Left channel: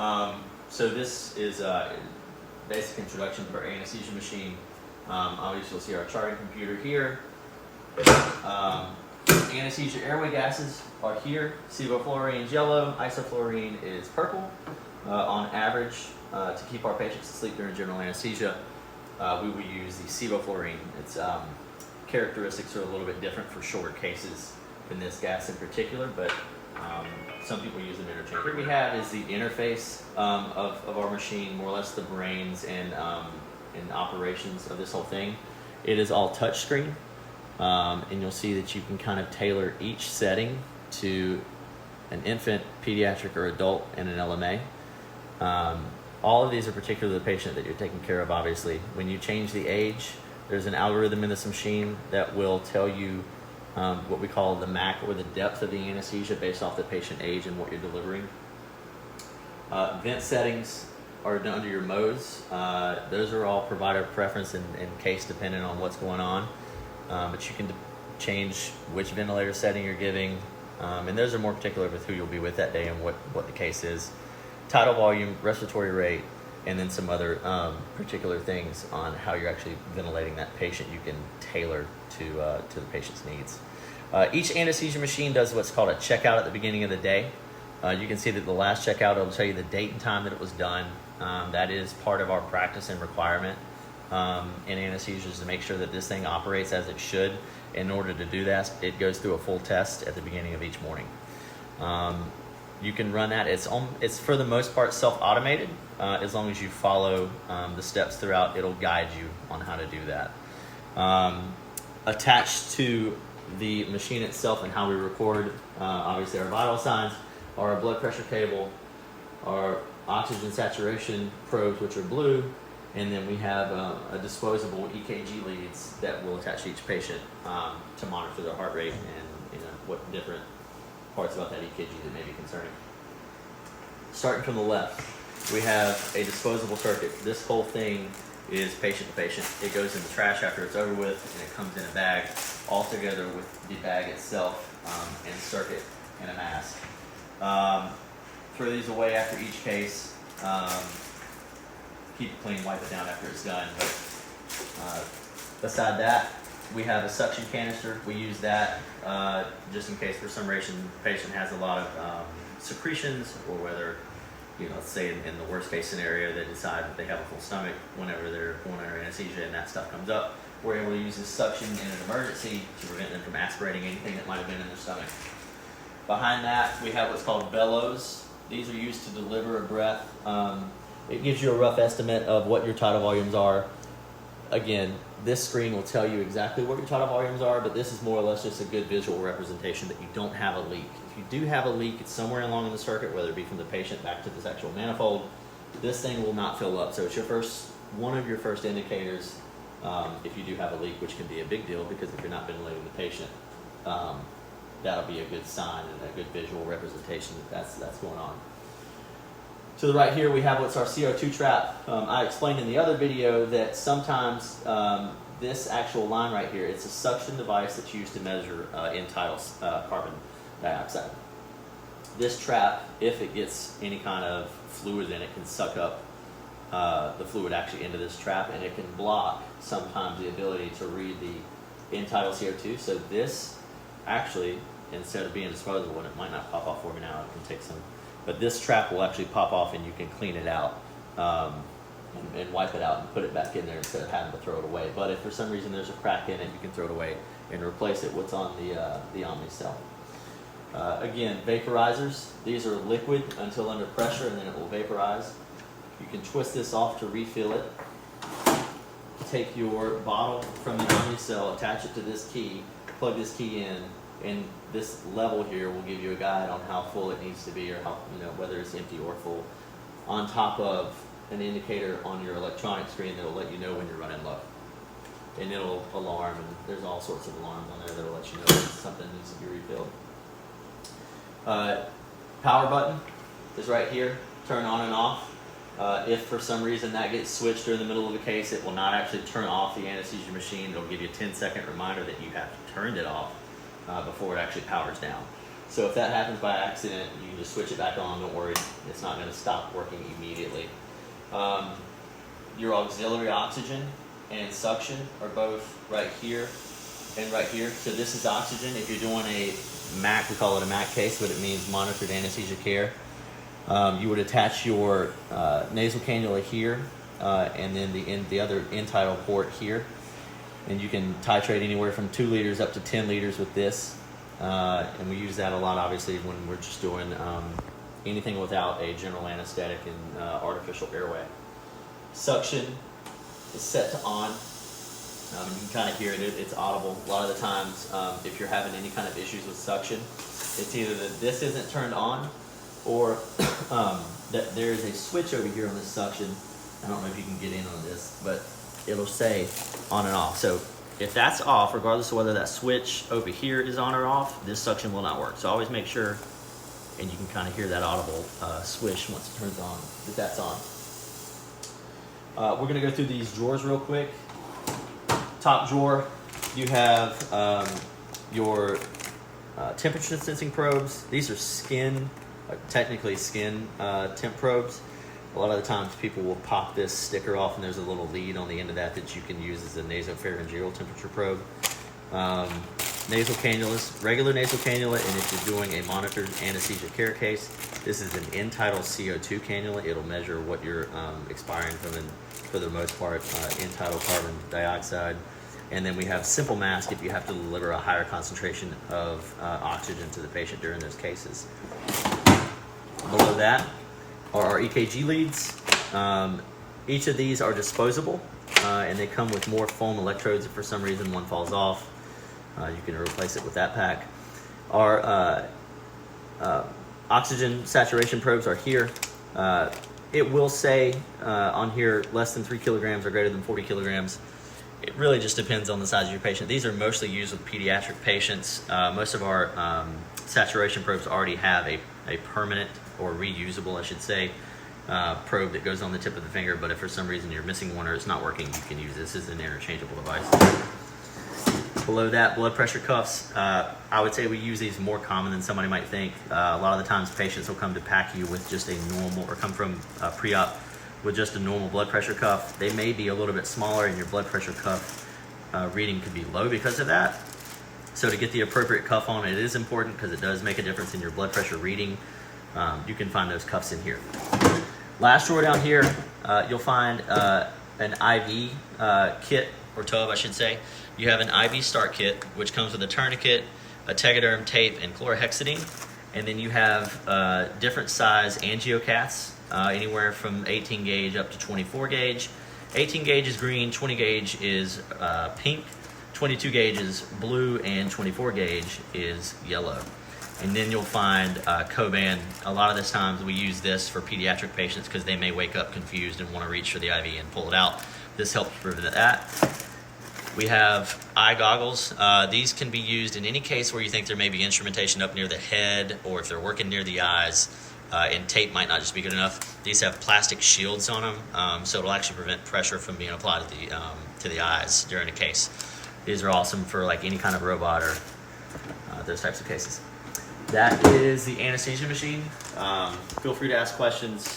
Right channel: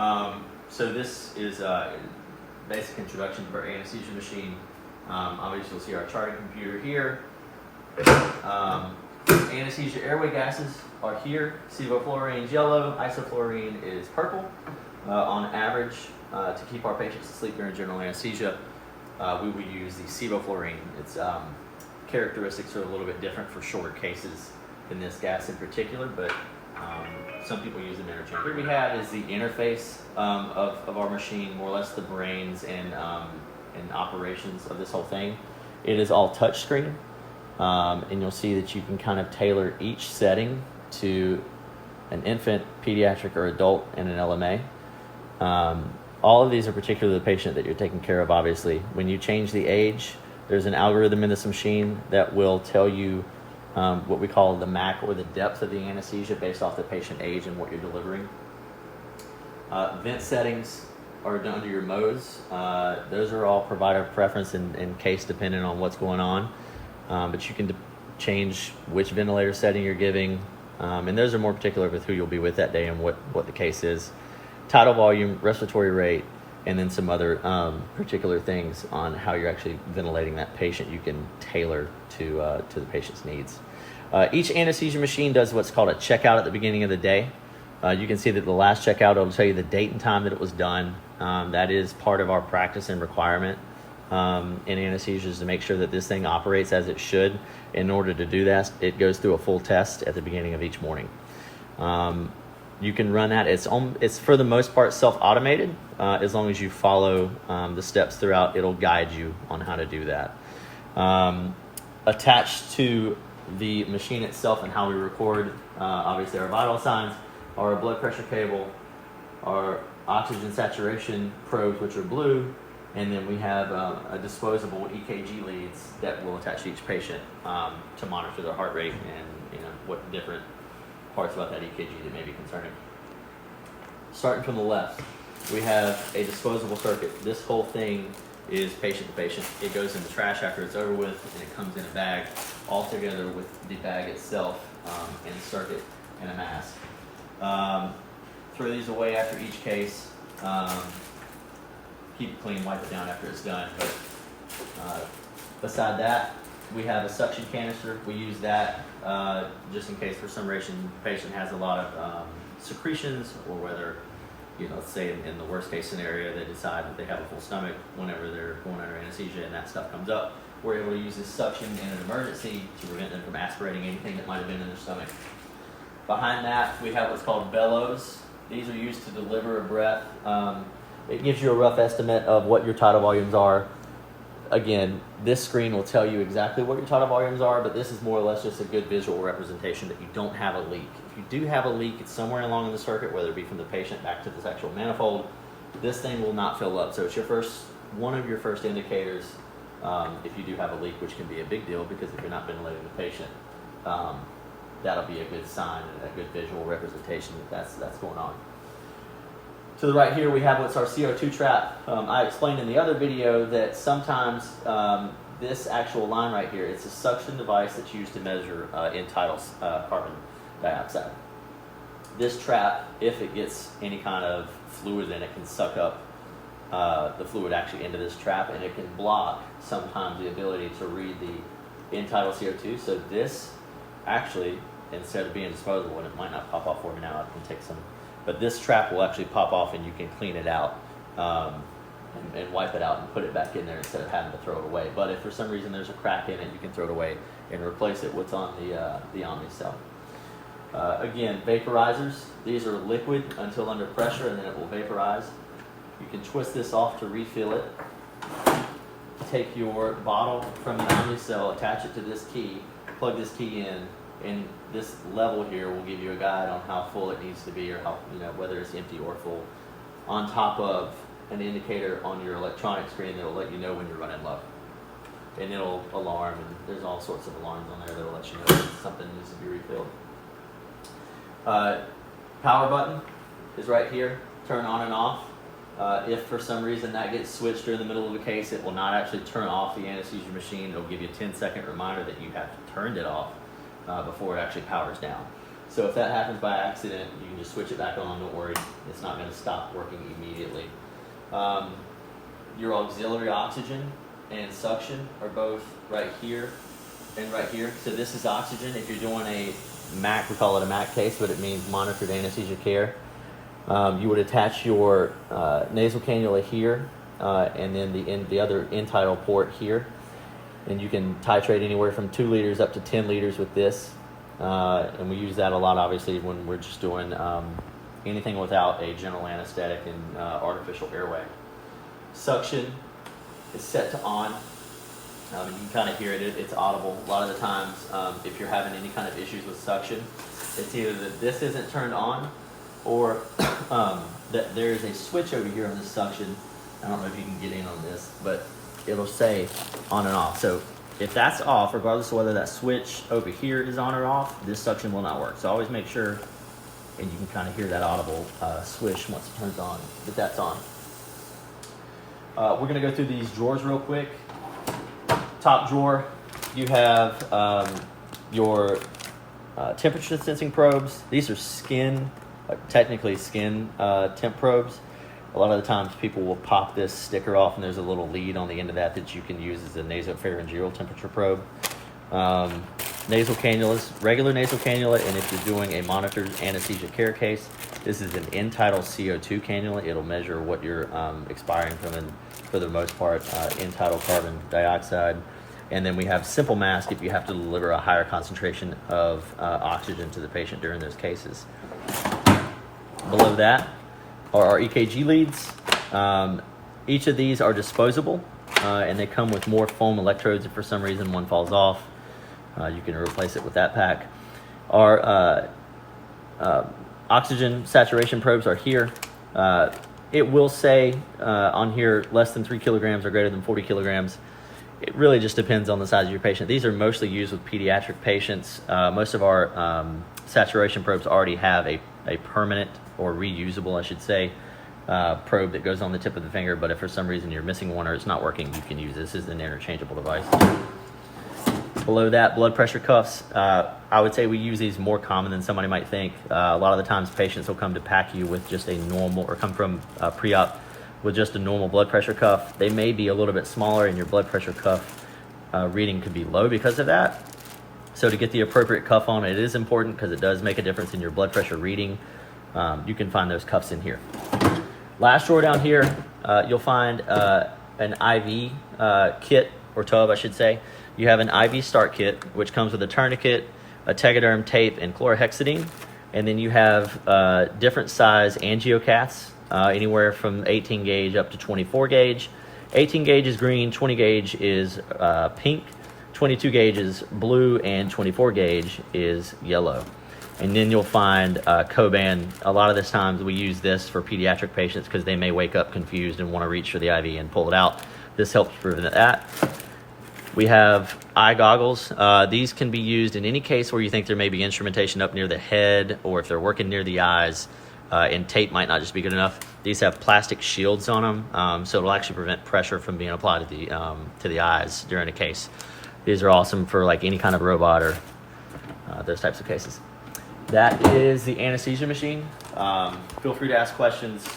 So this is a basic introduction to our anesthesia machine. Obviously you'll see our charting computer here. Anesthesia airway gases are here. Sevoflurane is yellow, isoflurane is purple. On average, to keep our patients asleep during general anesthesia, we will use the sevoflurane. Its characteristics are a little bit different for shorter cases than this gas in particular, but some people use them interchangeably. Here we have is the interface of our machine, more or less the brains and operations of this whole thing. It is all touchscreen, and you'll see that you can kind of tailor each setting to an infant, pediatric, or adult and an LMA. All of these are particular to the patient that you're taking care of, obviously. When you change the age, there's an algorithm in this machine that will tell you what we call the MAC, or the depth of the anesthesia, based off the patient age and what you're delivering. Vent settings are done under your modes. Those are all provider preference and case dependent on what's going on. But you can change which ventilator setting you're giving. And those are more particular with who you'll be with that day and what the case is. Tidal volume, respiratory rate, and then some other particular things on how you're actually ventilating that patient you can tailor to the patient's needs. Each anesthesia machine does what's called a checkout at the beginning of the day. You can see that the last checkout will tell you the date and time that it was done. That is part of our practice and requirement in anesthesia, to make sure that this thing operates as it should. In order to do that, it goes through a full test at the beginning of each morning. You can run that. It's for the most part self-automated. As long as you follow the steps throughout, it'll guide you on how to do that. Attached to the machine itself and how we record, obviously our vital signs, our blood pressure cable, our oxygen saturation probes, which are blue, and then we have a disposable EKG leads that will attach to each patient to monitor their heart rate and what different parts about that EKG that may be concerning. Starting from the left, we have a disposable circuit. This whole thing is patient to patient. It goes in the trash after it's over with, and it comes in a bag all together with the bag itself and circuit and a mask. Throw these away after each case. Keep it clean, wipe it down after it's done. But beside that, we have a suction canister. We use that just in case for some reason the patient has a lot of secretions, or whether, let's say in the worst case scenario, they decide that they have a full stomach whenever they're going under anesthesia and that stuff comes up. We're able to use this suction in an emergency to prevent them from aspirating anything that might have been in their stomach. Behind that, we have what's called bellows. These are used to deliver a breath. It gives you a rough estimate of what your tidal volumes are. Again, this screen will tell you exactly what your tidal volumes are, but this is more or less just a good visual representation that you don't have a leak. If you do have a leak, it's somewhere along in the circuit, whether it be from the patient back to this actual manifold. This thing will not fill up, so it's one of your first indicators if you do have a leak, which can be a big deal, because if you're not ventilating the patient, that'll be a good sign and a good visual representation that that's going on. To the right here, we have what's our CO2 trap. I explained in the other video that sometimes this actual line right here, it's a suction device that's used to measure end-tidal carbon dioxide. This trap, if it gets any kind of fluid in it, can suck up the fluid actually into this trap, and it can block sometimes the ability to read the end-tidal CO2. So this actually, instead of being disposable, and it might not pop off for me now, I can take some. But this trap will actually pop off, and you can clean it out and wipe it out and put it back in there instead of having to throw it away. But if for some reason there's a crack in it, you can throw it away and replace it what's on the Omnicell. Again, vaporizers. These are liquid until under pressure, and then it will vaporize. You can twist this off to refill it. Take your bottle from the Omnicell, attach it to this key, plug this key in, and this level here will give you a guide on how full it needs to be, or how, whether it's empty or full, on top of an indicator on your electronic screen that will let you know when you're running low. And it'll alarm, and there's all sorts of alarms on there that will let you know that something needs to be refilled. Power button is right here, turn on and off. If for some reason that gets switched during the middle of the case, it will not actually turn off the anesthesia machine. It'll give you a 10-second reminder that you have turned it off before it actually powers down. So if that happens by accident, you can just switch it back on. Don't worry, it's not going to stop working immediately. Your auxiliary oxygen and suction are both right here and right here. So this is oxygen. If you're doing a MAC, we call it a MAC case, but it means monitored anesthesia care. You would attach your nasal cannula here, and then the other end-tidal port here. And you can titrate anywhere from 2 liters up to 10 liters with this. And we use that a lot, obviously, when we're just doing anything without a general anesthetic and artificial airway. Suction is set to on. You can kind of hear it. It's audible. A lot of the times, if you're having any kind of issues with suction, it's either that this isn't turned on or that there is a switch over here on this suction. I don't know if you can get in on this, but it'll say on and off. So if that's off, regardless of whether that switch over here is on or off, this suction will not work. So always make sure, and you can kind of hear that audible swish once it turns on, that that's on. We're gonna go through these drawers real quick. Top drawer, you have your temperature sensing probes. These are skin, technically skin temp probes. A lot of the times people will pop this sticker off and there's a little lead on the end of that you can use as a nasopharyngeal temperature probe. Nasal cannulas, regular nasal cannula, and if you're doing a monitored anesthesia care case, this is an end-tidal CO2 cannula. It'll measure what you're expiring from, and for the most part, end-tidal carbon dioxide. And then we have simple mask if you have to deliver a higher concentration of oxygen to the patient during those cases. Below that are our EKG leads. Each of these are disposable, and they come with more foam electrodes. If for some reason one falls off, you can replace it with that pack. Our oxygen saturation probes are here. It will say on here less than 3 kilograms or greater than 40 kilograms. It really just depends on the size of your patient. These are mostly used with pediatric patients. Most of our saturation probes already have a permanent, or reusable, I should say, probe that goes on the tip of the finger, but if for some reason you're missing one or it's not working, you can use this. This is an interchangeable device. Below that, blood pressure cuffs. I would say we use these more common than somebody might think. A lot of the times patients will come to PACU with just a normal, or come from pre-op with just a normal blood pressure cuff. They may be a little bit smaller and your blood pressure cuff reading could be low because of that. So to get the appropriate cuff on, it is important because it does make a difference in your blood pressure reading. You can find those cuffs in here. Last drawer down here, you'll find an IV kit, or tub I should say. You have an IV start kit, which comes with a tourniquet, a tegaderm tape, and chlorhexidine. And then you have different size angiocaths, anywhere from 18 gauge up to 24 gauge. 18 gauge is green, 20 gauge is pink, 22 gauge is blue, and 24 gauge is yellow. And then you'll find Coban. A lot of the times we use this for pediatric patients because they may wake up confused and want to reach for the IV and pull it out. This helps prevent that. We have eye goggles. These can be used in any case where you think there may be instrumentation up near the head, or if they're working near the eyes, and tape might not just be good enough. These have plastic shields on them, so it'll actually prevent pressure from being applied to the eyes during a case. These are awesome for like any kind of robot or those types of cases. That is the anesthesia machine. Feel free to ask questions.